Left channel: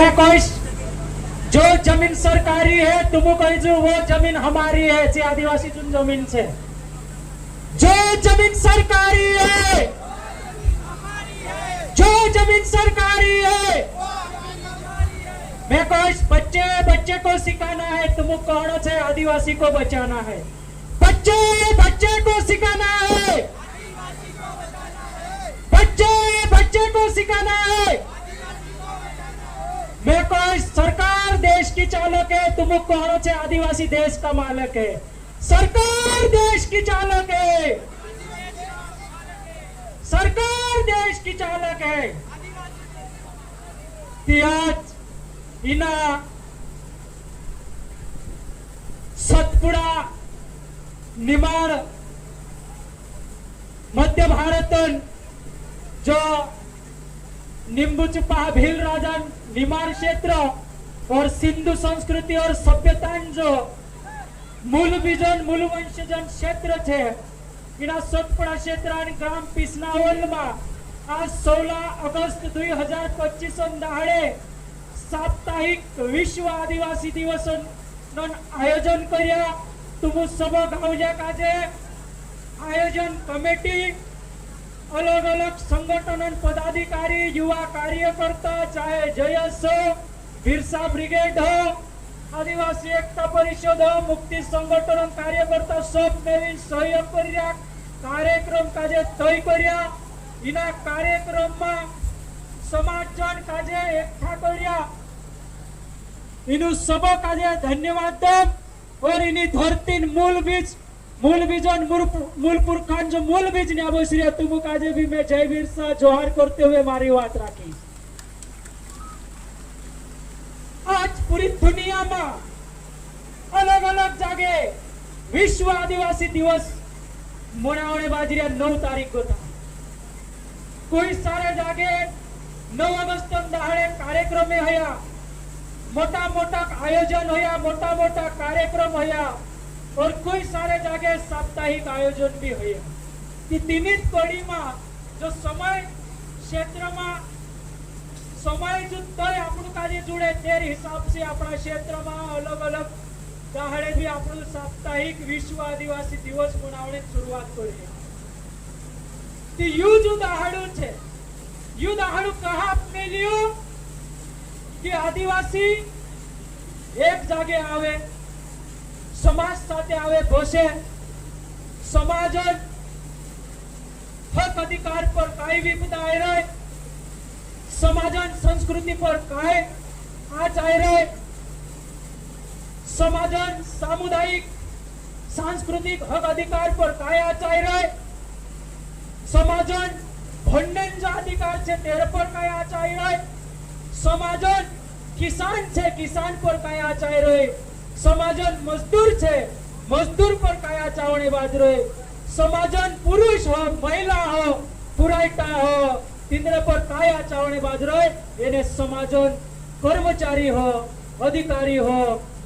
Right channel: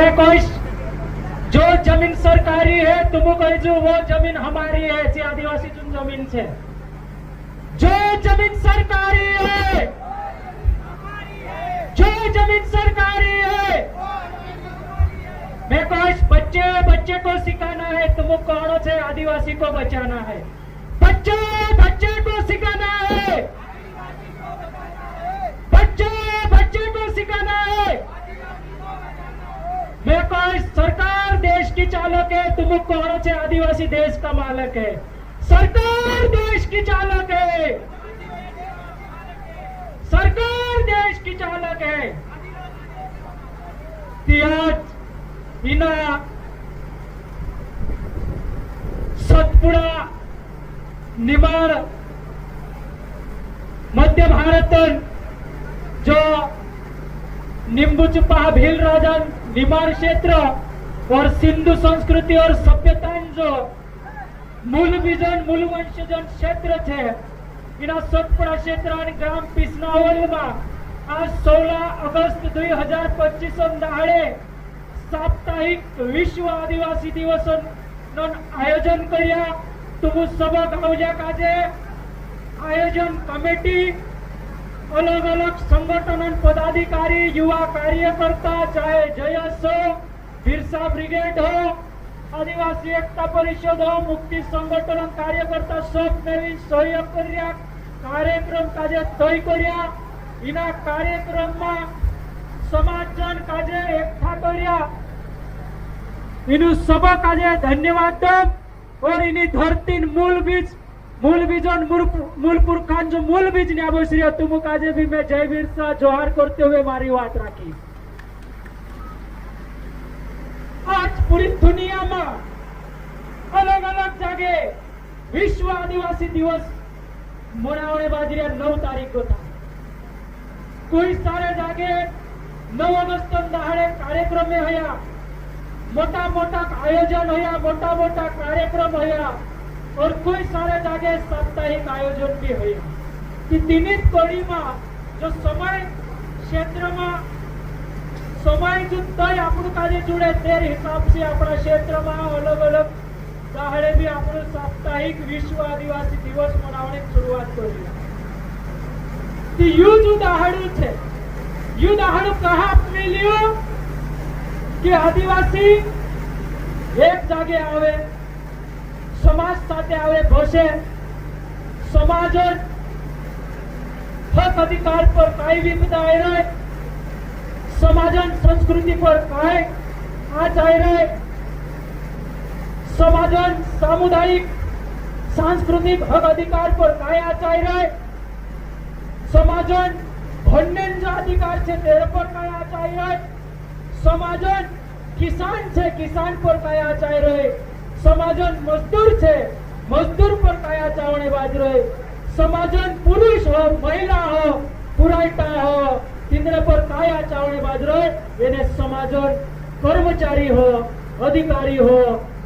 मैं कोई जो जमीन सरकारी है तुम कह वो जमीन हमारी है, जे आदिवासी जो जमीन है, जो जमीन सरकारी है, जो जमीन सरकारी है, मैं कोई बच्चे को सिखाना है, तुम कौन से आदिवासी को बचाना है, बच्चे को सिखाना है, बच्चे को सिखाना है। मैं कोई सरकार देश की चालक है, तुम कौन से आदिवासी देश का मालक है, सरकार देश की चालक है, सरकार देश की चालक है। आज इना सतपुड़ा निमाड़ मध्य भारत जो निम्बुचुपा भील राजन निमाड़ क्षेत्र और सिंधु संस्कृति और सभ्यता जो मूल बीजन मूल वंशजन क्षेत्र है, इना सतपुड़ा क्षेत्र और ग्राम पिसनावल में आज 16 अगस्त 2025 दाड़े साप्ताहिक विश्व आदिवासी दिवस आयोजन कर्या। तुम सब गावजा काजे आयोजन कमेटी अलग अलग संगठन पदाधिकारी युवा कार्यकर्ता चाहे जयस हो, बिरसा ब्रिगेड हो, आदिवासी एकता परिषद हो, मुक्ति संगठन कार्यकर्ता सब मिली सहयोग कर्या, कार्यक्रम काजे तय कर्या। इना कार्यक्रम में समाजजन काजे एकठा कर्या, इनु सब काजे धन्यवाद और इनी धरती मूल बीजन मूल पुरखान जो मूल बीज ने आवश्यक तुम काजे भी मैं जय बिरसा जोहार करते हुए मारी बात राखी। आज पूरी दुनिया में अलग अलग जगह विश्व आदिवासी दिवस मनाने बाजरी 9 तारीख को था। कोई सारे जगह 9 अगस्त दाड़े कार्यक्रम में होया, मोटा मोटा आयोजन होया, मोटा मोटा कार्यक्रम होया और कोई सारे जगह साप्ताहिक आयोजन भी होया। कि दिनित कड़ी में जो समय क्षेत्र में समय जो तय आपन काजे जुड़े तेर हिसाब से अपना क्षेत्र में अलग अलग दाड़े भी अपन साप्ताहिक विश्व आदिवासी दिवस मनावने शुरुआत करी। यू जो दाड़ू छे, यू दाड़ू कहाँ मिल्यो कि आदिवासी एक जगह आवे, समाज साथे आवे बसे, समाज हक अधिकार पर काई विपदा आई रहे, समाजन संस्कृति पर काय आज आई रहे, समाजन सामुदायिक सांस्कृतिक हक अधिकार पर काय आज आई रहे, समाजन भंडन जो अधिकार छे तेरे पर काय आज आई रहे, समाजन किसान छे किसान पर काय आज आई रहे, समाजन मजदूर छे मजदूर पर काया चावणे बाज रहे, समाजन पुरुष हो महिला हो पुरायटा हो तिंद्र पर काया चावणे बाज रहे, एने समाजन कर्मचारी हो अधिकारी हो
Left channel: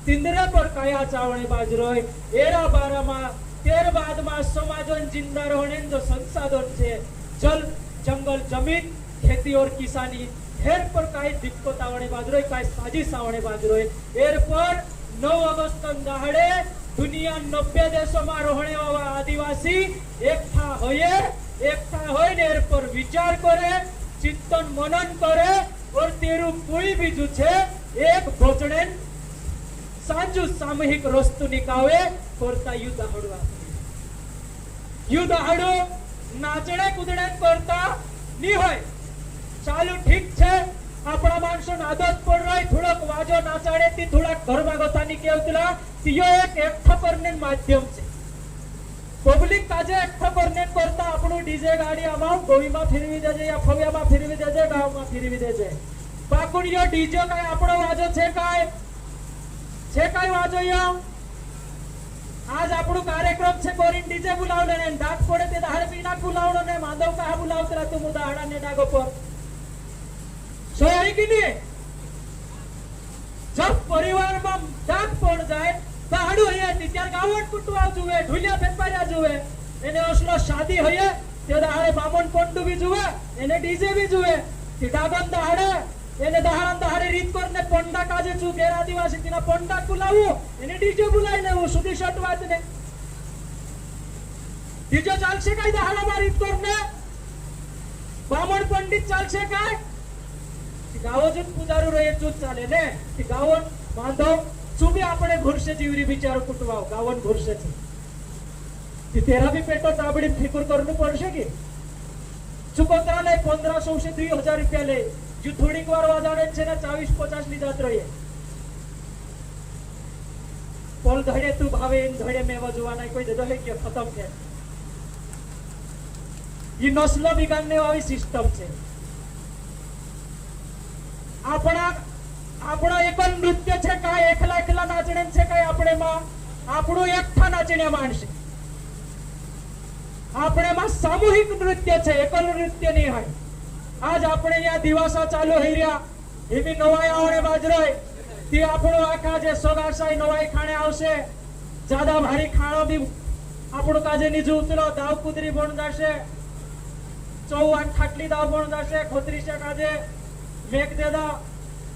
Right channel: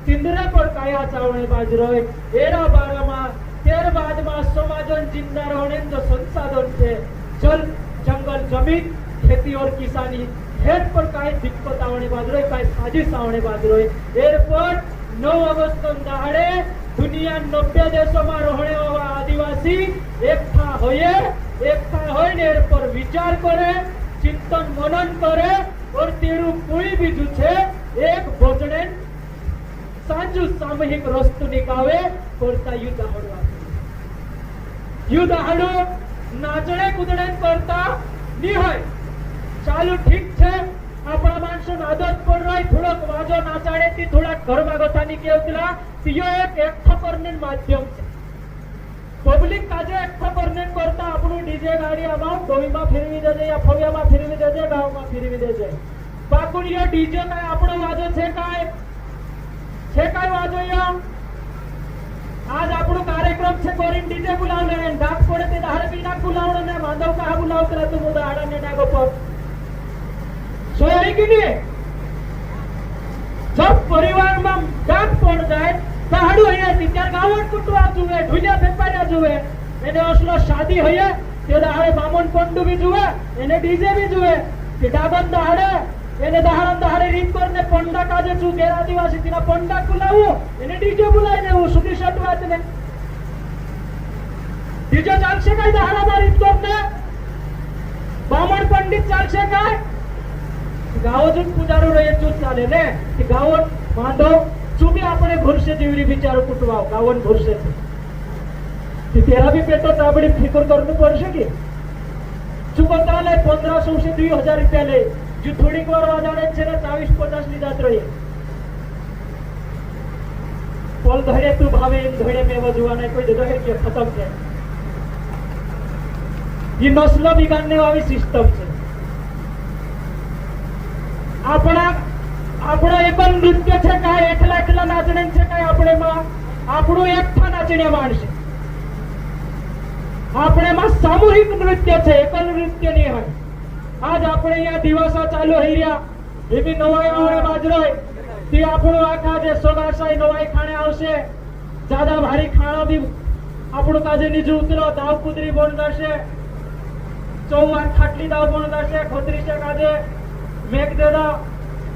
तिंद्र पर काया चावणे बाज रहे। एरा बारामा तेर बाद में समाजन जिंदा रहने जो संसाधन छे जल जंगल जमीन खेती और किसानी हेत पर काई दिक्कत आवणे बाज रहे, काई साजिश आवणे बाज रहे। एर पर 9 अगस्त दाड़े दुनिया 90 देशों में रहने वाला आदिवासी एकठा होए पर विचार करे, चिंतन मनन करे और तेरू कोई भी जो छे एक भोजने साजु सामूहिक रस्तु निकावे करता युद्धाड़ो नाचड़े कूदड़े करता नहीं होय। चालू ठीक छे अपना माणसों आदत पड़ रही थोड़क वाजो नाचाड़े थी थोड़क घर में गतानी केवतला तियो एक एकठा करने माध्यम छे। पब्लिक काजे एकठा करने करता आपनु डीजे गाड़ी आमाउ डोई में फेरवी देजे या फव्या में फेरवी देजे गांव में फेरवी देजे बाकुड़ियो डीजे काय आपणो वाजो छे काय वाजो या आज आपणो कार्यक्रम छे करीन डीजे बुलावले ने डाक पड़े ते दाहर बिना बुलावणो ने मांडव का बुलावतले तो दाहड़ा ने नागो पर सोई की नहीं। जब परिवार में डाक पड़ जाए दाहड़ू है त्यार गावट कुटवा जुए ढुलिया फेपारिया जुए एने असलो शादी होये ते दाहड़े बामण पंडू भी जुए एने डीजे भी जुए कि डाबन दाहड़े एने दाहड़े रीत कर છું ગેર આદિવાસી તેના પંડાત બોલાવો એને ડીજે બોલાવીને હું સુધી શટ વાત ને ડીજે ચાલશે કઈ દહાડાદાર ઇતકોર ને બામણ પંડિત ચાલશે કઈ ગાવોજून પૂજારો રે એટલું ચાલે ને કે ગાવન માંડો ચૂબી આપણે ભૂરશે જેવી વિચારો કુટવાવ ગાવન ભૂરશે છે તેરા भी पेटो ताबड़ी फिकर करनी पड़શે કે चुकता ले 1500 से 2000 रुपया ले जो थोड़ी વાર વાજાડે છે ને 40-50 ની જાત રહી પોલ ધડે તું ભાવે એમ ધડે મે વજવાને કોઈ દે કે ખતમ છે ये नस्ल बिगाड़ने वाली सिस्टम છે આપણા એકલ નૃત્ય છે કાય એકલા એકલા નાચણે છે કાય આપણે માં આપણો એકઠા નાચણે માણશે આપણે માં સામૂહિક નૃત્ય છે એકલ નૃત્ય નહીં હોય આજ આપણે અહીંયા દિવસો ચાલુ થઈ રહ્યા એવી નવાઈ આવડે બાજરાય તે આપણો આખા જે સોગાસાઈ નવાઈ ખાણે આવશે જ્યાદા ભારી ખાણા બી આપણો કાજે નીચે ઉતરો દાવ કુદરી બોણ જશે चौवान खाटली दाव बोल नशे खोतरी से काजे मेक दे दा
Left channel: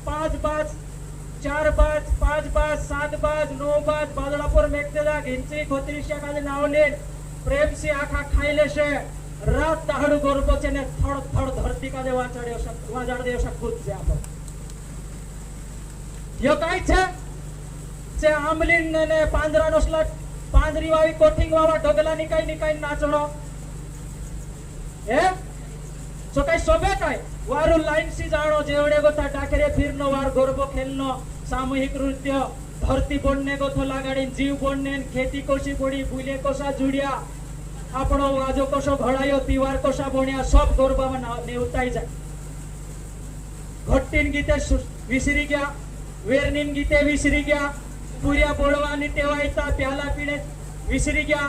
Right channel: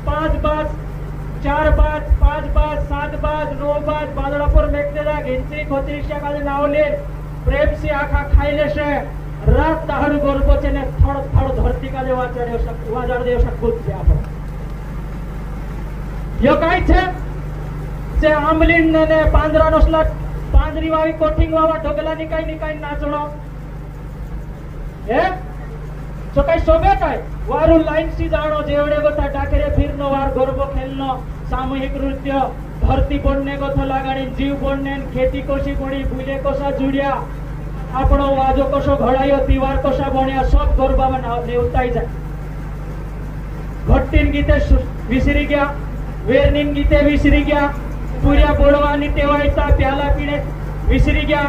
5 बाज 4 बाज 5 बाज 7 बाज 9 बाज बादड़ा पर मेक दे दा घेंची खोतरी से काजे नावले प्रेम से आखा खाई लेशे रात दहाड़ गोरबो छे ने थड़ थड़ धरती काजे वाजाड़ देव सकूत छे आपो यो काय छे जे आमलीन ने પાંદરા નો સ્લટ પાંદરી વાળી કોઠિંગ વાળા ઢોગલા નિકાઈ નાચણો जो काय सोबे काय वारू लाइन सी जाणो जेवढे गोथा टाकेरे फिरनो वार गरबो खेलनो सामूहिक नृत्य धरती बोडणे गोथो लागाडी जीव बोडणे खेती कोशी कोणी भूले कोसा जुड्या आपणो वाजो कोसो घोडायो तिवार कोसा बोण्या सब गरबा में नेवताई जाय भट्टीन गीते विसरी गया वेरनीन गीते विसरी गया पुऱ्या बोडवानी टेवायता प्याला पीणे विसरी गया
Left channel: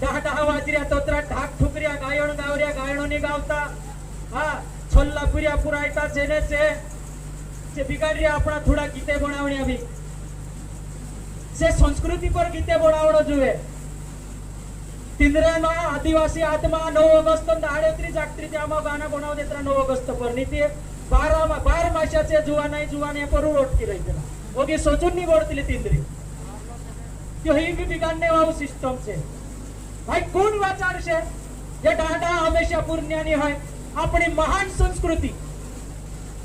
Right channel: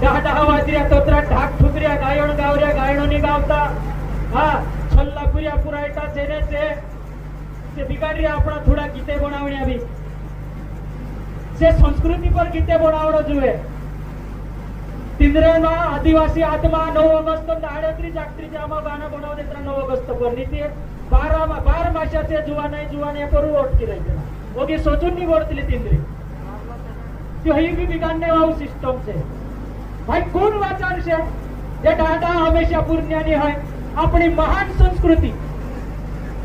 डहा वाजऱ्या तोत्रा ढाक ठुकऱ्या गायण गावऱ्या गायणोनी गावता हा छल्ला पुऱ्या पुरायता जेने से बिगाड्या आपणा थोड़ा गीते बनावण्या बी से संस्कृति पर गीते बनावणो जुए तिंद्रेनो आदिवासी आत्मा 9 ऑगस्ट दाडत्री जागत्री जामो गाणं बनवले तर 9 ऑगस्ट पर नीती 12 माशाचे जुवाने पर ओटती रही ओगी सोचून नहीं ओटती तिंद्री ती ही भी बिगाड़ने वाला सिस्टम से भाई कोण वाचार છે જે દાદા હંમેશા પુણ્યની હોય अपनी महान संस्कृति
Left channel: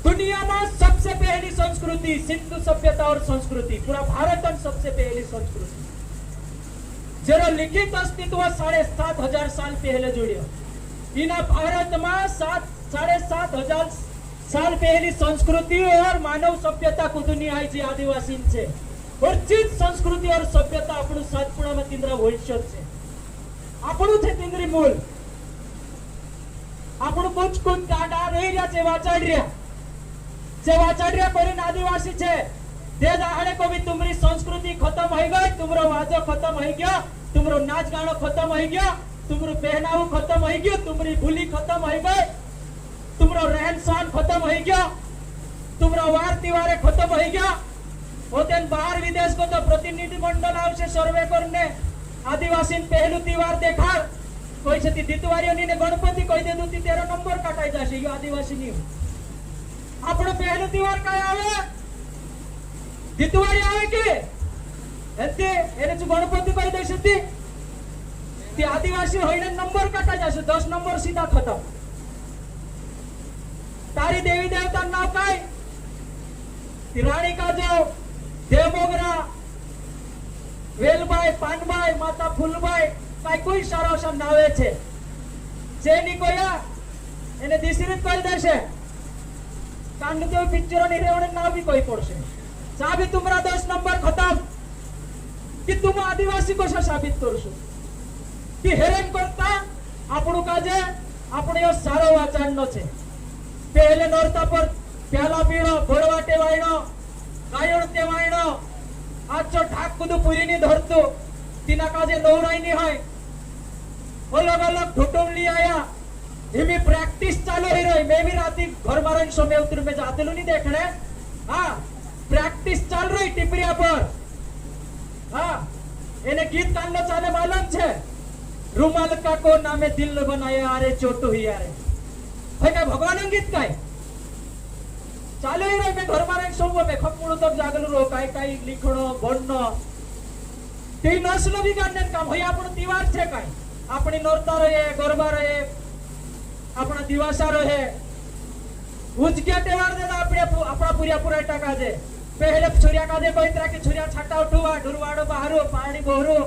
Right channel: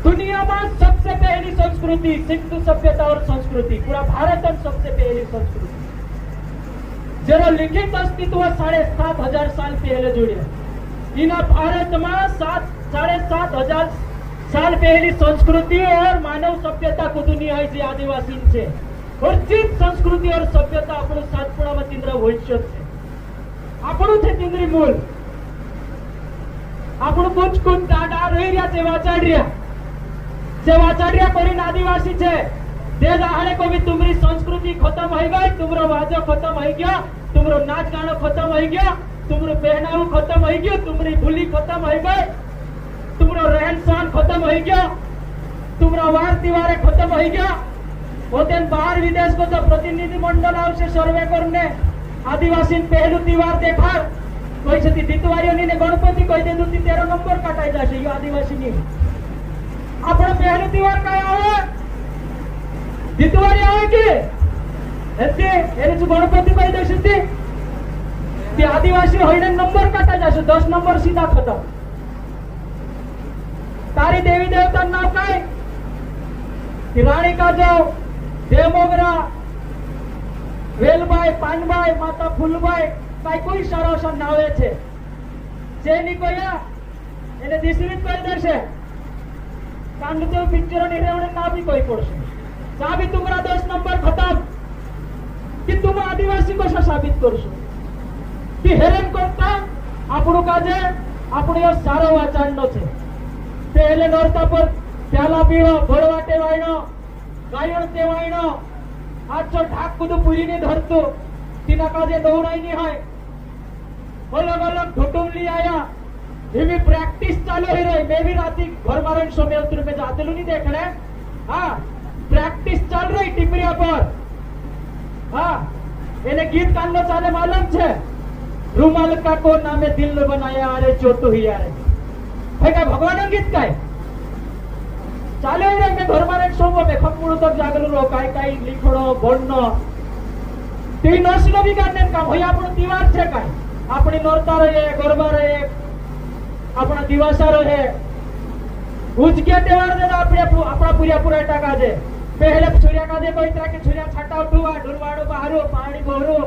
दुनिया में सबसे पहली संस्कृति सिंधु सभ्यता और संस्कृति पूरा भारत में सबसे पहली संस्कृति जरा लिखित अस्तित्व 7,500 साल पहले जुड़ी इन भारत में 7,500 साल पहली संस्कृति और मानव सभ्यता को दुनिया है जी आदिवासी से और जिस संस्कृति और सभ्यता अपन सातपुड़ा में तिंद्रा वंशज है આપણું છે તિંગરી મૂળ આપણું કુચ દાડા રહી રહ્યા છે વાચાડ્યા કરીને આદિવાસી છે તે દાડે કોઈ તુમરી સંસ્કૃતિ ખતમ થઈ ગઈ તુમરો વાજો ખતમ થઈ ગયો તુમરો નાચ ગાણો ખતમ થઈ ગયો તુમરો પહેનાવું ખતમ થઈ ગયો તુમરી ભૂલી ખતમ થઈ ગઈ તુમરો રહેન सहन ખતમ થઈ ગયો તુમરો વાર तिवारे ખતમ થઈ ગયો પોતે બહાર વિદેશ કો તો પ્રતિનિધિ મંડળ આવશે સર્વે કરને आदिवासी पहलू तिवार देखा कोई छती दितवारियों ने गणपति कोई दे दूती 13 नंबर काटाई जाशे ये आदिवासी नी આપણો પહેલો तिवार काय આવે दितवारी આવે કે એટલે એને જો ગણપતિ કોઈ દે છતી તે આદિવાसी હોઈને નંબર કાટા જાશે 10 નંબર સીધા ખતમ તારી દેवी देवता नाम काय ती रानी का जाओ देवमोगरा वेलबाई पानबाई माता फूलबाई काय कोई सारा सब नावे छे जेनी कोया એને દિશરીત કરી દેશે કારણ કે પિક્ચર ની રેવણ ના भी कोई પડશે સાબિત तुम्हारा 10 नंबर खत्म कि तुम आदिवासी को साबित करशो कि हेरन करता આપણું કાજે આપણે સારો વાચાણનો છે પહેલે નોરતા પર પ્યાલા પીણો ઘોડવા ટેવાયણો ગાયણ ટેવાયણો आजचो ढाक कुदू पुरी ने धरतो तिना काजे दौड़ाई नहीं है अलग अलग घुटुम ली आया ये भी प्रैक्टिस चालू है रही मैं भी राती घर मारन समय उतर में जाते नहीं देख रहे हाँ प्रैक्टिस चल रही टिपरिया पर हाँ इन्हें गीत गाने चाले मालूम छे रुमाल का को नामे दिल बनाया अरे चोटू ही अरे भाई क्या भगवान गीत का है चालू ही रहे मैं धर्म संग मेखपुर तक जागरूक काय लिखण बर्ण ते नसलं बी गार्डन काम होय आपण दिवार छे काय अपनी नोरता रहे गरबा रहे अपना दिवसा रहे उजके तेवर दे अपना पूरा टाका जे पहले छुरिया का दे पैत्रा की छुरिया छाटा उठवा ढुरवाड़ो बाहरो पानी बहरो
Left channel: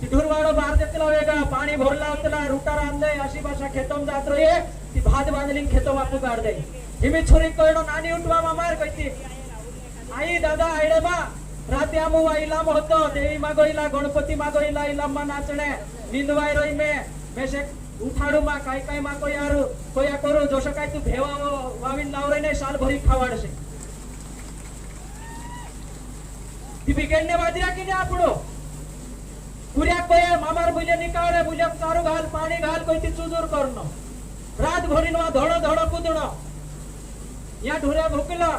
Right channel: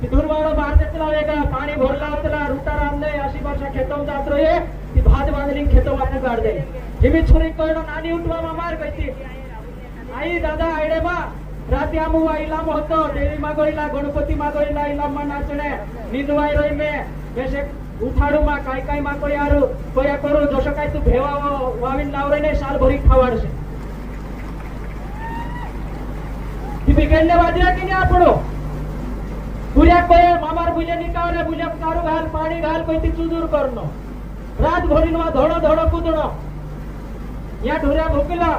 ती ढुरवाड़ो बाहर देतला वेगा पानी भरला उतला रुटा रामने आशी भाषा खेतम जात रहे ती भात बांधली खेतो वाटे काढ दे हिमी छुरी कोयनो नानी उठवा मार गती आई दादा आईडे बा राती आमु आईला होतो देवी मागोईला गणपती मागोईला इला नाचणे निंदवाई रही में बेशे उठाडू मा काय माको यारू कोया करू जसो काय तू भेवा वावीन लावरे ने साल भरी खावाडशे ती बिगडने वादिया की नाही आपणो पुऱ्या कोया मामार बुले निकाले बुले चारू घाल पाणी घाल कोई ती चुजूर करनो रात भरीन मा धोडो धोडो कुदणो या ढुऱ्या भुकला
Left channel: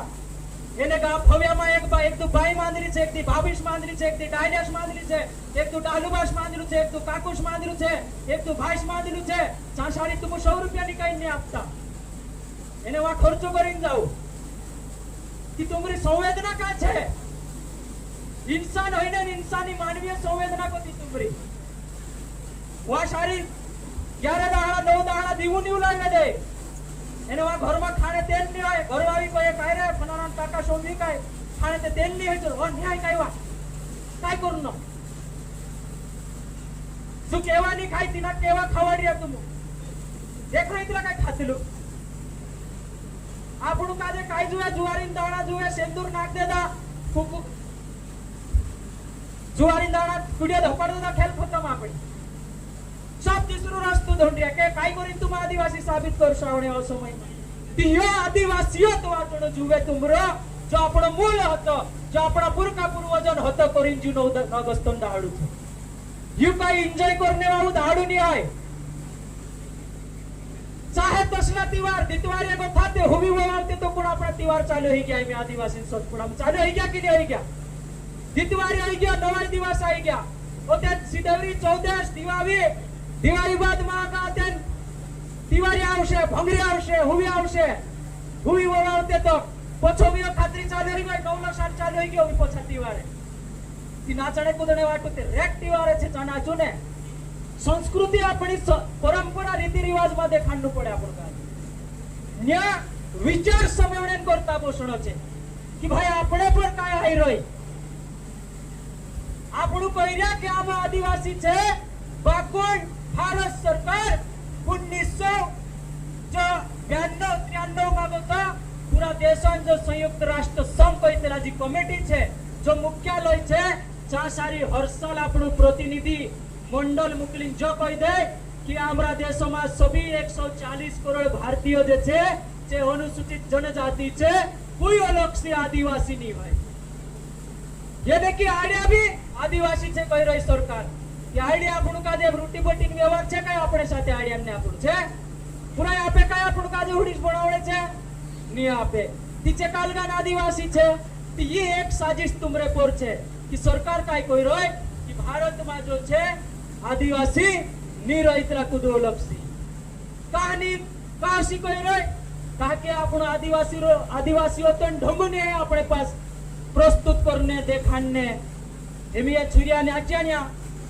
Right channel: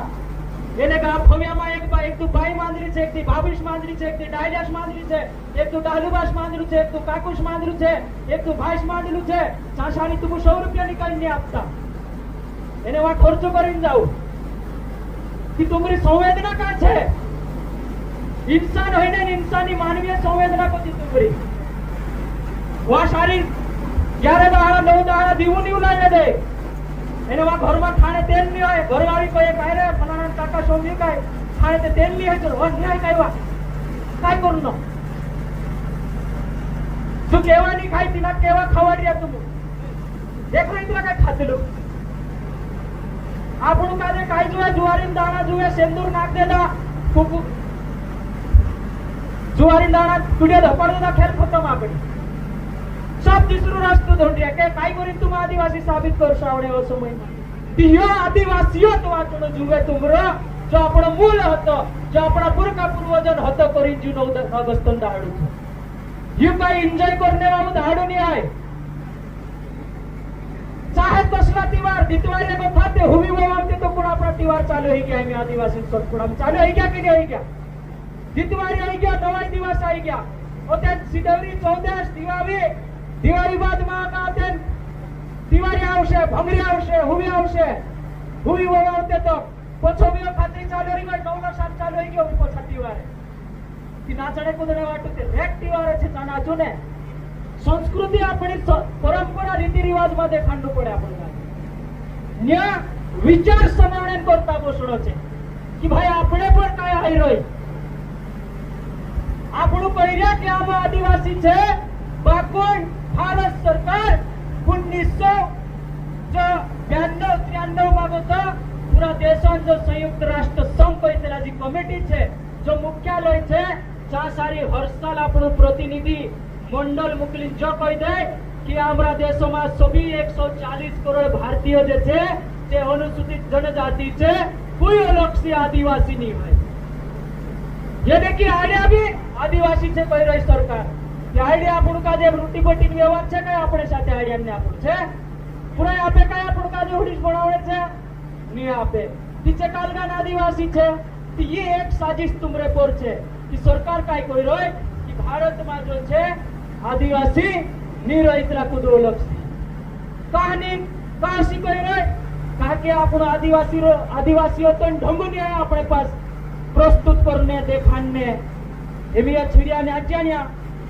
એને કા ફવ્યામાં એક તો બાઈ માંદરી છે એક દી ભાભીશ માંદરી છે એક દી ડાયલેશ માંદરી છે એક તો ડાલુબાશ માંદરી છે એક તો કાકુશ માંદરી છે એક તો ભાઈશ માંદરી છે ચાસાડી તું 100 રૂપિયા નીકાળીને આપતા એને વા ખર્ચો કરીને જાવ કે તમારી સંવેદના કા છે इंसान होइने इंसानी मानवीय संवेदना को दी तुम्हारी वा शारीर 11 दाड़ा 9 दाड़ा दीवू नी उलाय दे એને વા ઘરમાં ખાણે તેલ ની હોય ઘરવાળી કોઈ કાય રે ફલાણા કાકા સોમી કાય ખાણે તે તેલ ની હોય તો વન ની કાયવા काय करू न तू केवा नी खाई तिना केवा खवाडिया तुम देखो इतला काय खातलो आपण कादे काय जुया जुवारीन दाणा जुया सेंदूर नाक देदा खूप जुवारीन दाणा तुडिया धपाड देदा खेल खतम आपणी सब दिसरू राष्ट्र धोंड्या के काय करीन तुम आदिवासी साबित कर सावणे ओ समय तियो आदिवासीयो तो आपण जुवे तुमरो जो आपण मूल होतो जो आपण पुरखा पूर्वजन होतो करीन जी 9 अगस्त दाडू ये काय एन्जॉय करने वालो दाडू नहीं आए चाहे दसला तिवार दितवारी में थाते हुमी बोलते तो कोण आपण तिवार चालू है क्या में आदिवासी सब कोण चालू है क्या के है क्या दितवारी है क्या दवाई दिवस है क्या ओते सिदवरी 14 दिवाळी बाद मागाते दिवाळी आवशे भंगरी आवशे हुवी बोलते तो पछोमिया खात्री चादरी में 9 लाख चालू है क्या पछा दिवाळे ती नाचणे कुदणे वाटते रेक दिवाळे छे जाना जुने संस्कृती आपली परंपरा रीति रिवाज मध्ये खांडू पडे आपण काय न्या विचार समवणे करता बसणो छे की भाई आपणे पण काय आहे रोय આપણું કઈરા કે આમાં આદિવાસી છે બાકોણ ભારત સરકાર 1992-93 માં તો પૂરા દેશાંનો સંયુક્ત રાષ્ટ્ર સંઘ કઈતરા जी કમિટી છે जो મુખ્યાલય છે ચાસારી હરસાલ આપણું પ્રતિનિધિ મંડળ મોકલીને જો કહી દે કે આપણા દેશમાં સभी 140 કરોડ ભારતીયો જે છે જે અનુસૂચિત જનજાતિ છે કોઈ અલગ से आदिवासी नहीं હોય ये देखिए आइडिया भी आदिवासी से कही रही सरकार कि आइडिया आपण का जे रोटी बोटी व्यवहार छे काय આપણે સાથે આઈડિયા ને આપું છે પૂરા આપે काय आपण का जे ઉડીશ બનાવડે છે ની આપે तीचे कालगान आदिवासी छे तो ये एक साजिश तुमरे पर छे कि सरकार काय कोई रोय कि भारत में जो छे आदिवासी नी रहितरा कुदरो लक्षी कहानी काशी कोई रोय कहा कि आपण आदिवासी तो ढंगू नहीं आया अपने पास प्रस्तुत करने देखाने एमिया छुरिया नाच्यान्या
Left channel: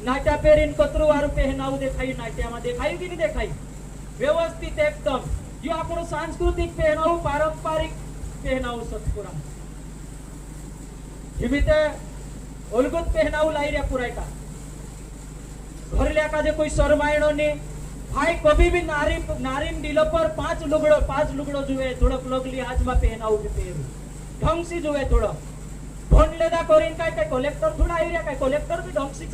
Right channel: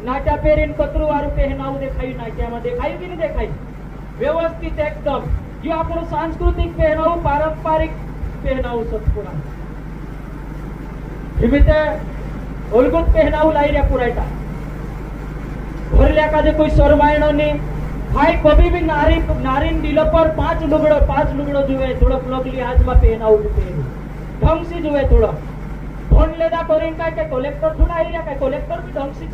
नाट्या पेरीन कतरू वारू पहनाऊ देखाई नाट्या में देखाई की नहीं देखाई व्यवस्थित एकदम ये आपण सांस्कृतिक पहनाऊ पारंपरिक पहनाऊ सत्पुरा इमिते ओलगुत पहनाऊ लाई रे पुराटा भरल्या का जे कोई सरवायणो नहीं भाई कभी भी नारीन दिलो पर 5 लुगड़ो जुए थोड़ा लगली आज में पहनाऊ पहनु ढंग से जुए थोड़ा फोन लेदा करीन काय कलेक्टर थोड़ा आई रे काय कलेक्टर भी ढंग से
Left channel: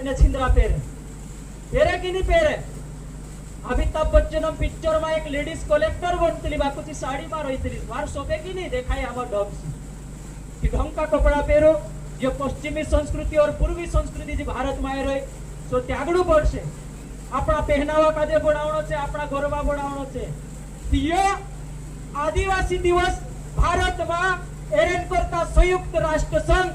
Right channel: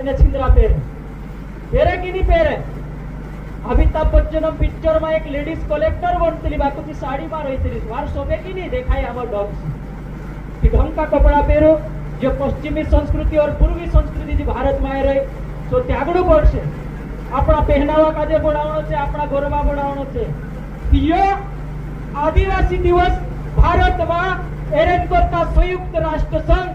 એને छिंद्रा पेरे की नहीं पेरे अमिताभ बच्चन पिक्चर में एक लेडीज कलेक्टर बनती बाकी साड़ी में रही वार सोबे की नहीं देखाई हमार ढंग से ढंग का कपड़ा पहरो जो पश्चिमी संस्कृति और पूर्वी संस्कृति जी भारत में रही तो त्यागड़ू पड़े अपना पहनावा का जो बनावनो छे अपना गरबा बनावनो छे यो आदिवासी दिवस भारत में एरेन करता संयुक्त राष्ट्र संघ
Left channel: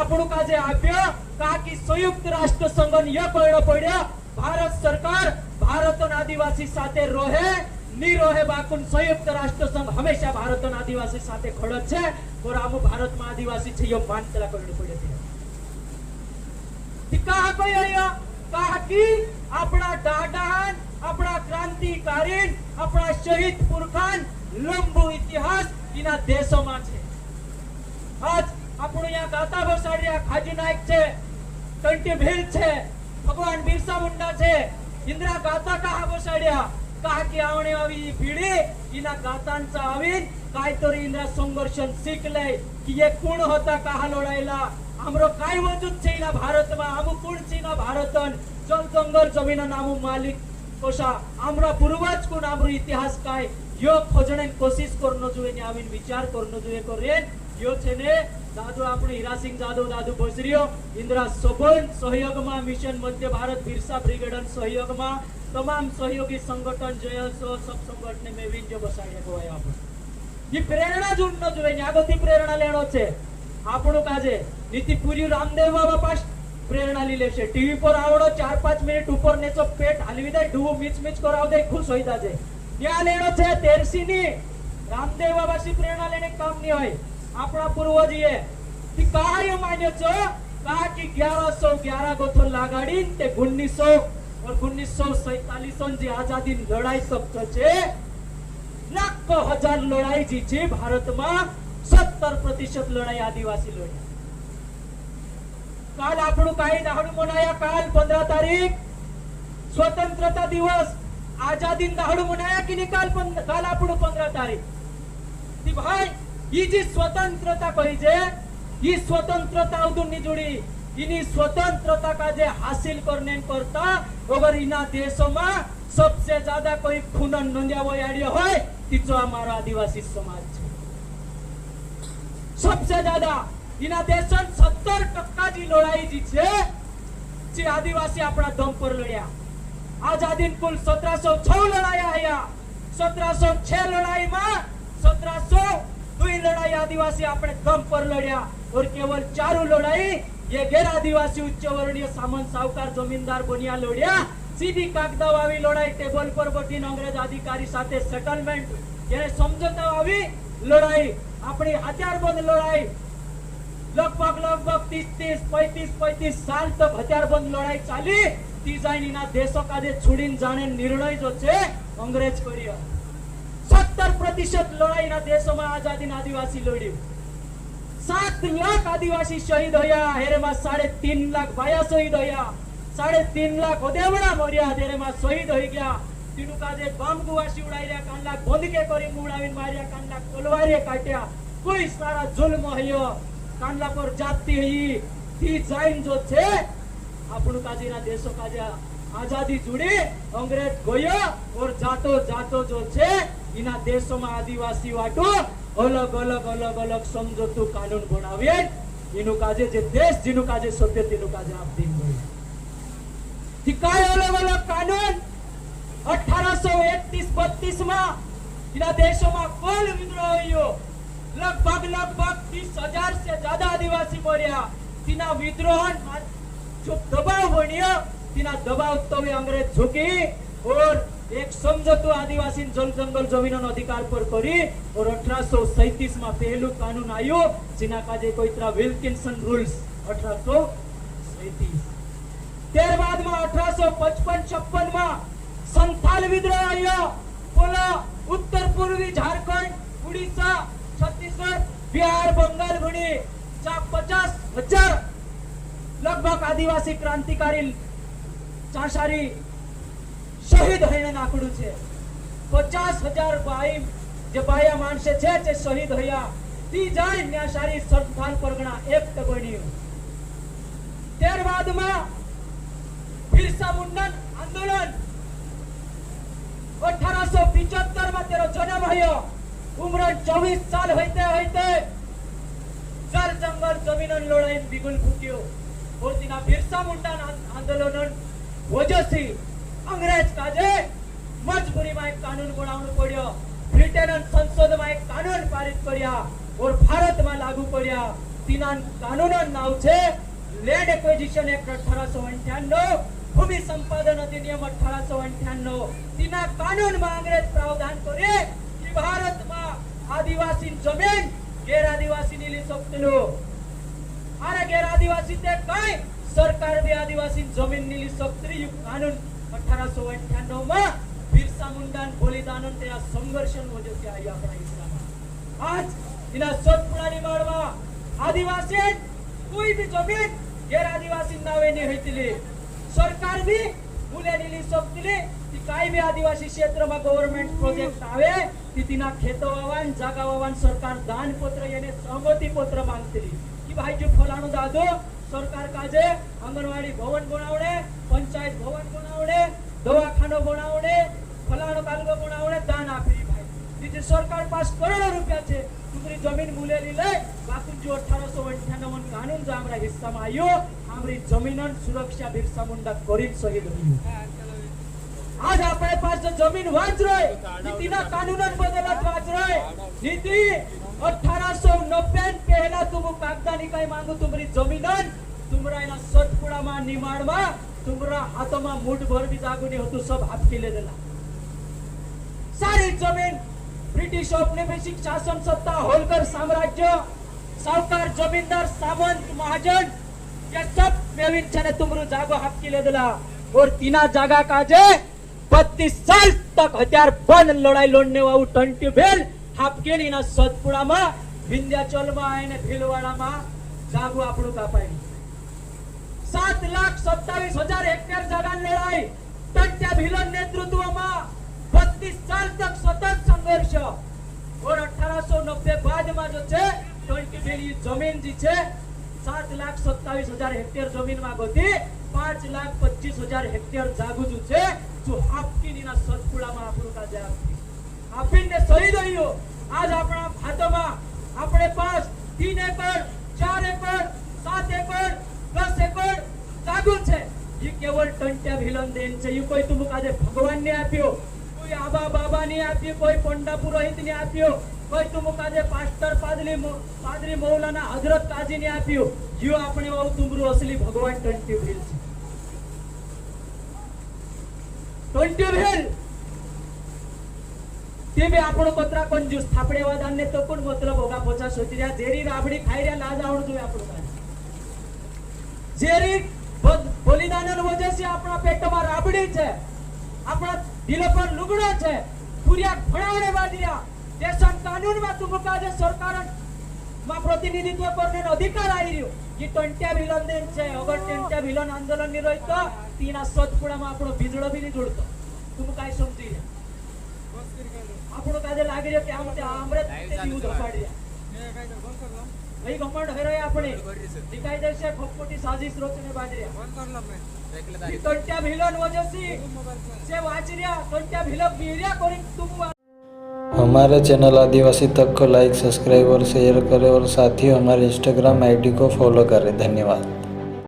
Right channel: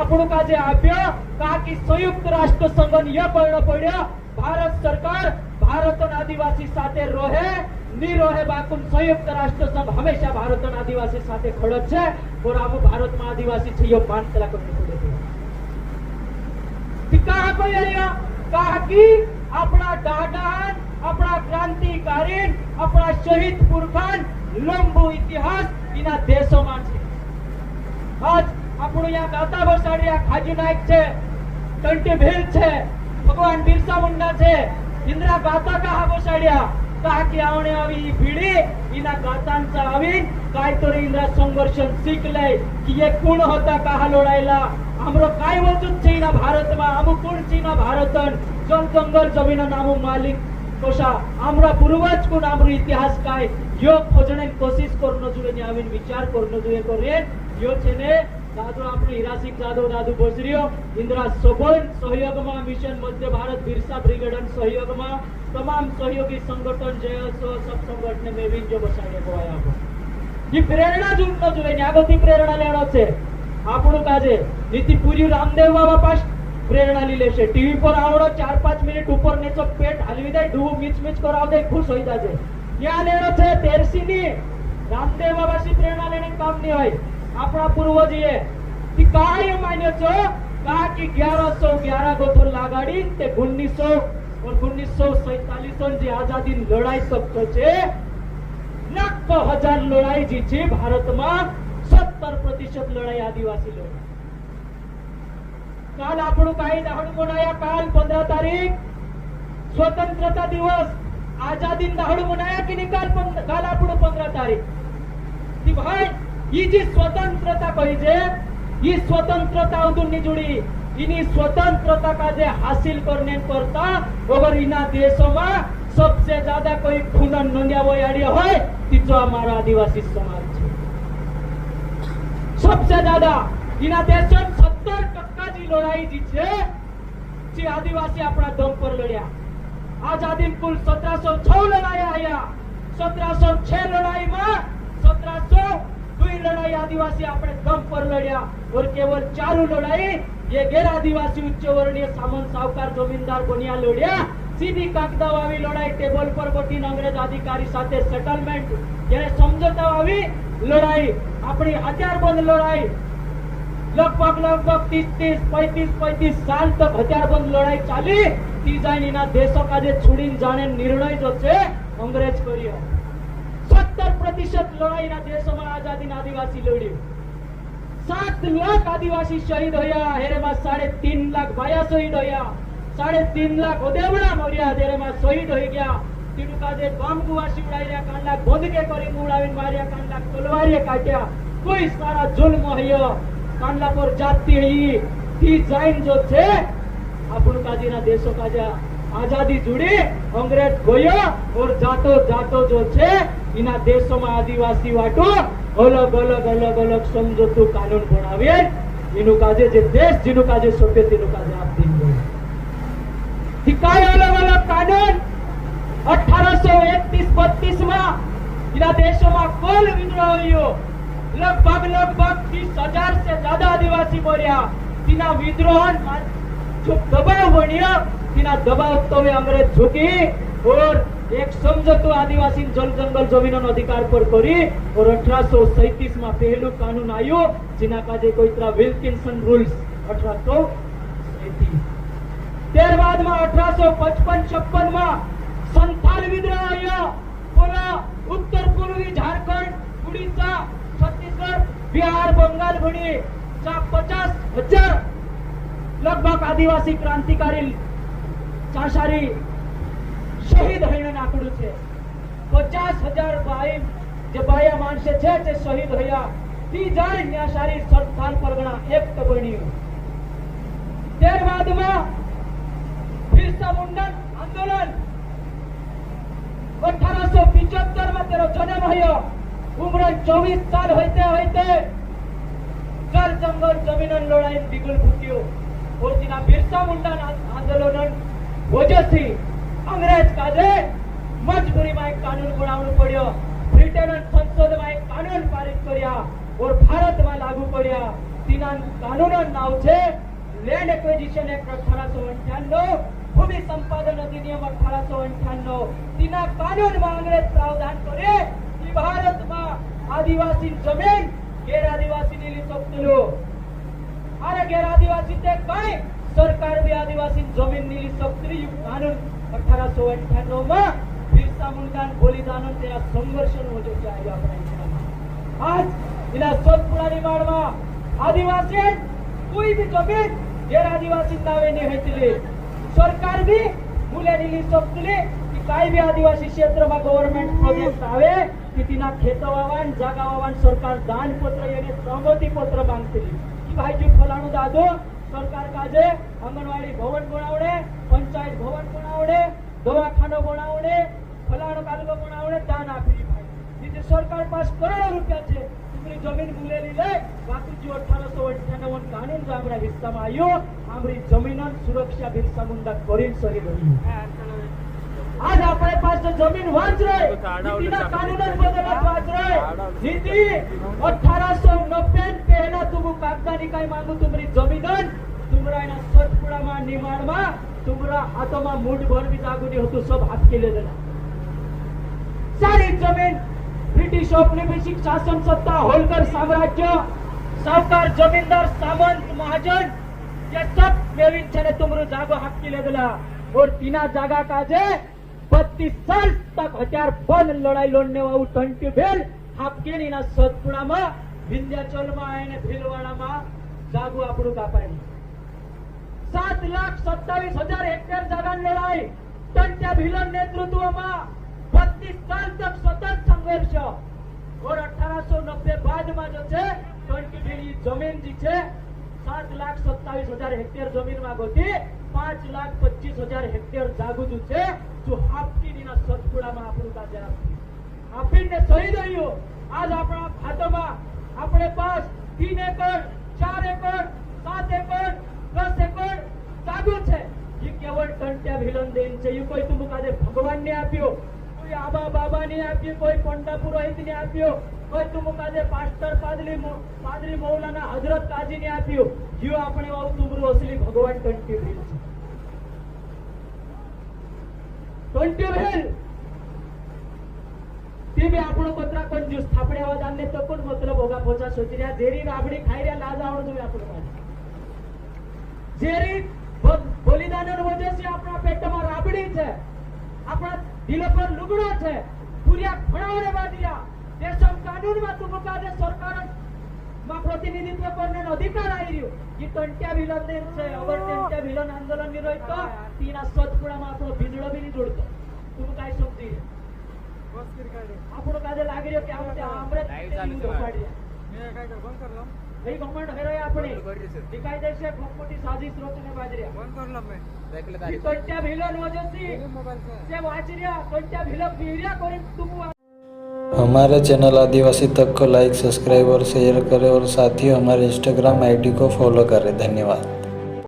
आपण का जे आप्या का कि संयुक्त राष्ट्र संघ ने यह करणं पड्या भारत सरकार भारत आदिवासी साथे रोहे निरोहे बाकुन संयुक्त राष्ट्र संघ हमेशा भारत आदिवासी साथे खड़ो छे और आमु भारत में आदिवासी छे यो मान कला करनी पड़े छे कहा कोई रहेगा कहा कि अपना दादान अपना क्रांतिकारी अपना शहीद पुरखान लंबू इतिहास इना देशों में छे आज આપણું यहाँ ગાતા વસાડ્યા ખાજી નાયક છે કંટી ભીલ છે ભગવાન બિરસા મુંડા છે इंदिरा गाता कहा वसाड्या कहा की आवणे आवी पिढी इना गातांचा आवीन काहीतरी इंदिरा संघर्षण शिकले की ये कोण होता कहा लढायला आमरो काय वजूद छे इना भारतमा आमु कोण छे इना भारतन जल जंगल जमीन नामु मालिक कोशा आमरा पूर्वज कोण आमरो इतिहास काय यो खोजणे कोशिश करणं जुळे आवीन विचार करणं जुळे करे यो छेने दादू આપણે હીરાસિંહ જાદવ દાદુ ગોસરીઓ इंदिरा સબન સહયોગમાં મિશન મધ્ય ભારત બિરસા બ્રિગેડન સહયોગમાં તમામ સહયોગી સંગઠન જેએસઓ सब संगठन में विंजो बसाડ્યા કોયા આપો ये प्रेरणा जुटनो જોઈએ આગળથી પ્રેરણા લેણો છે આપણું કાજે નીતિ પૂરી રામદેવ બાબા પાસ પ્રેરણા લી લેશે ટીવી પર આવડો 4-5 મિનિટ ઉપર નેચો પેટ હલવી દે ડૂ મિચ મિચ કરાવ દે ખુશ હોઈ જાજે ત્યાં લેણો છે તેરસીની રામદેવ બાબાસી પ્રેરણા લેને કામ નહીં હોય આપણા પૂર્વજીએ कि काय मान्य छो कहा कि 1111 गोथो लागाडी ते 1900 और 1947 जी आजादी लड़ाई तक छे लाख हजार लड़ाई जी छे भारत में 70% लड़ाई आदिवासी लड़ी काल आपणु काही दहाडू मनाया काल 15 तारीख स्वतंत्रता दिवस आजादी दहाडू मनाया कि निकाल काल आपणु 15 तारीख कि भाई ये जी स्वतंत्रता कही जे ये स्वतंत्रता उदुनी जुड़ी इनी स्वतंत्रता का जे हासिल करने करता अगर इना देशों में सबसे ज्यादा कोई खून नंदिया वयाड़ी होय तिचो हमारा आदिवासी समाज छे सबसे ज्यादा इना देशों 70% जी लड़ाई जी छे जे आदिवासी अपना दम पर लड़्या आजादी कुल 1706 लड़ाई आया 1706 लड़ाई में 1702 लड़ाई आदिवासी अपने दम पर लड़्या और केवल 4 लड़ाई ये गैर आदिवासी उच्च वर्णीय सामंत साहूकार जमींदार बनिया लड़्या सीधी कागदावावी लड़ाई टेबल पर बटीन अंग्रेज अधिकारी साथे सेटलमेंट यानी समझौतावावी लड़ाई अपनी हथियारबंद लड़ाई लगभग 30-35 साल तक हथियारबंद लड़ाई चाली ती जाइन इना देशों का जे छुड़ीन जाने निर्णय जो छे अंग्रेज कर्यो 70% लड़ाई ना देशों में आजादी आदिवासी लड़ी 7 लाख आदिवासी शहीद होया हेरे में 3.5 लाख बाया शहीद होया 3.5 लाख ओदेवड़ा मरिया हेरे में शहीद हो गया तिनुका जे बामगुवासी उड़ाइया कांडा गोंदके करी मुड़ावीन मारिया कांडा तलवारिये काट्या कोई सारा जुल्म हयो कांडा पर जाती हई ती जाइन जो छे आपणु काजीना देशों का जे आजादी जुड़ी अंग्रेज गयो और जातो जो छे इना देशों में आदिवासी वाटो अलग अलग समझौतो कानून बनावे इनु काजे जे देश जिनु काजे सोपे तिनु काजे आप दिन कि काय अलग कानून 1831-32 में इना देशों में कोल विद्रोह हुयो लगभग 30,000 से ज्यादा आदिवासी मर्या तिना विद्रोह जो दबाव बनियो तिना दबाव तो अंग्रेज झुकी और एक समझौतो आदिवासी जल जंगल जमीन अधिकार पर करी और 1837 में पहलू कानून आयो जिना काजे कोई तरह विल्किंसन रूल्स 1837 तेर बाद में 1855-56 में संथाल विद्रोह आयो बोला उत्तर पूर्वी झारखंड उड़ीसा छत्तीसगढ़ बिहार बंगाल घुड़ी 50,000 लगभग आदिवासी क्रांतिकारी चाशारी शहीद होने आंकड़ू छे 50,000 भाई जे बाया मानसे छे जे शहीद होया ती जाय न्यासारी संस्थान परगना एक बनियो तेर बाद में बिरसा मुंडा आंदोलन 1875 में तेरो जन्म होयो उम्र 24 साल होते जल जंगल जमीन लड़ाई दिगुल फुटियो और तिना बिरसा मुंडा आंदोलन वजहथी अंग्रेज काजे मजबूरी में एक कानून बनावनो पड़्यो ब्रिटेन संसद में एक कानून पारित कर्या और भारत में लागू कर्या तीना कानून नाम छे लैंड एक्विजिशन एक्ट 1898 भूमि संपादन अधिनियम 1898 तिना कानून में अंग्रेज प्रावधान करे कि भारत में आदिवासी जमीन गैर आदिवासी ली सकते अरे गैर आदिवासी ते काय सरकार भी आदिवासी जमीन ली सकते कानून 1898 में बिरसा मुंडा बलिदान तेरा संघर्ष आज इला सोतपुरा निर्माण में आदिवासी कोई भी जमीन गैर आदिवासी दावे नहीं होती सरकार भी मूल्य ली सकते कि काही भी आदिवासी क्षेत्र में गवर्नमेंट प्रोजेक्ट आवे कि तिना खेतो वावन जागा वावन सरकार दान पत्र यानी सहमति पत्र मांगते कि भाई जो फलाणु दादो सरकार काजे अंगनवाड़ी भवन बनावणे पंचायत भवन बनावणे दवाखानो बनावणे फलाणो कालगो बनावणे दान आपी भाई नीचे सरकार पास करोड़ों रुपया छे तुम्हारी जमीन मूल्य ले बाकुजी 1898 कानून जो हमारा हिस्सा में आयो हमारी जमीन सुरक्षा बिरसा मुंडा करीन सही बनी आज अपने पास जो जमीन वांच रहे इतना कानून बदलत वांच रहे नीति 1890 पहला तुम कागदा निकाय मांगू तुम्हारी जमीन तुम्हारा ना सोतपुड़ा में निमाड़ में तुम्हारा हाथों में मुठ भर भी जागो नहीं हो तो सब हाथ के ले देना सारी जमीन ब्रिटिश औपनिवेशिक शासन सत्ता होलकर साम्राज्य सावकार जमींदार सामंत महाजन ये सब मेविन छने तुमरो जागो हक के ले दिला और तीना जागा काजे 32 साल तक हथियार बंद लड़ाई लड़ने वाला टंटी भेल हापके नीना सोतपुड़ा में विंध्याचल में आने भीलवाड़ा में जागो आपड़ो कापाई 7,27,000 हेक्टेयर जगह लड़ाई टंट्या भीलन नेतृत्व में 32 साल तक सतत संघर्ष और 1890 बाद में जो छे टंटी भेली जमीन जी छे 7,27,000 हेक्टेयर जमीन में होती 5,25,000 हेक्टेयर जागू जो छे जो आपकी नीना सोतपुड़ा में आपको का जवाब आपने ने सही दइयो आज अपना हाथों में अपने पास 3 एकड़ 4 एकड़ 7 एकड़ 10 एकड़ जागू छे ये केवल टंट्या भिलन देन छे ये कोई तुम काजे भगवान ने आप्यो कोई आबा बाबा ने आप्यो कोई पंडा पुरोहित ने आप्यो कोई तुम काजे पास्टर पादरी मौलाना हजरत काजी ने आप्यो यो अपने वो तुमरो असली भगवान टंट्या भिल छे टंट्या भिल ते भी આપણો પત્રા કંજૂસ થાપડેવા દાનને તો કોણ મતલબ હોગા પોચા સોચર્યા જેરી રાબડી ખાઈ રહ્યા લાજ આવડતું આપણો જેરી બલિદાનન વજહ से આપણા પેટમાં રાબડી છે આપણા દિલ પર લુગડો છે પૂરિયા ખડાવડે વાદિયા દેશમ કાનૂનમાં તુમકા જે સરકાર માં પ્રતિનિધિત્વ કરને અધિકાર આવી રહ્યો કે ટંટ્યા વિલન દેન છે અગર ટંટ્યા વિલન આંદોલન ની રહી તો તીના સોતપુડામાં આપણો બીજળો બી નહીં જોડતો તું કાઈ સમજી આપણો કાજે લાગી રહ્યો કે આમતે અમૃત દીવું દોસાડી મે કાઈ તો બંધ કરલો એ ગમંડ હેરોય આપણે દિખાઈ દેશે ફોટોટી સાजिश રોકને બાજરી બંધ કરલો મે એકલે તારી ટંટ્યા વિલન વજહથી से वाचरिया टंट्या विलन वीरिया करी तुम हमारे चैनल आदिवासी तक को लाइक सब्सक्राइब और शेयर करें और साथ ही हमारे इंस्टाग्राम आईडी को फॉलो करें। धन्यवाद।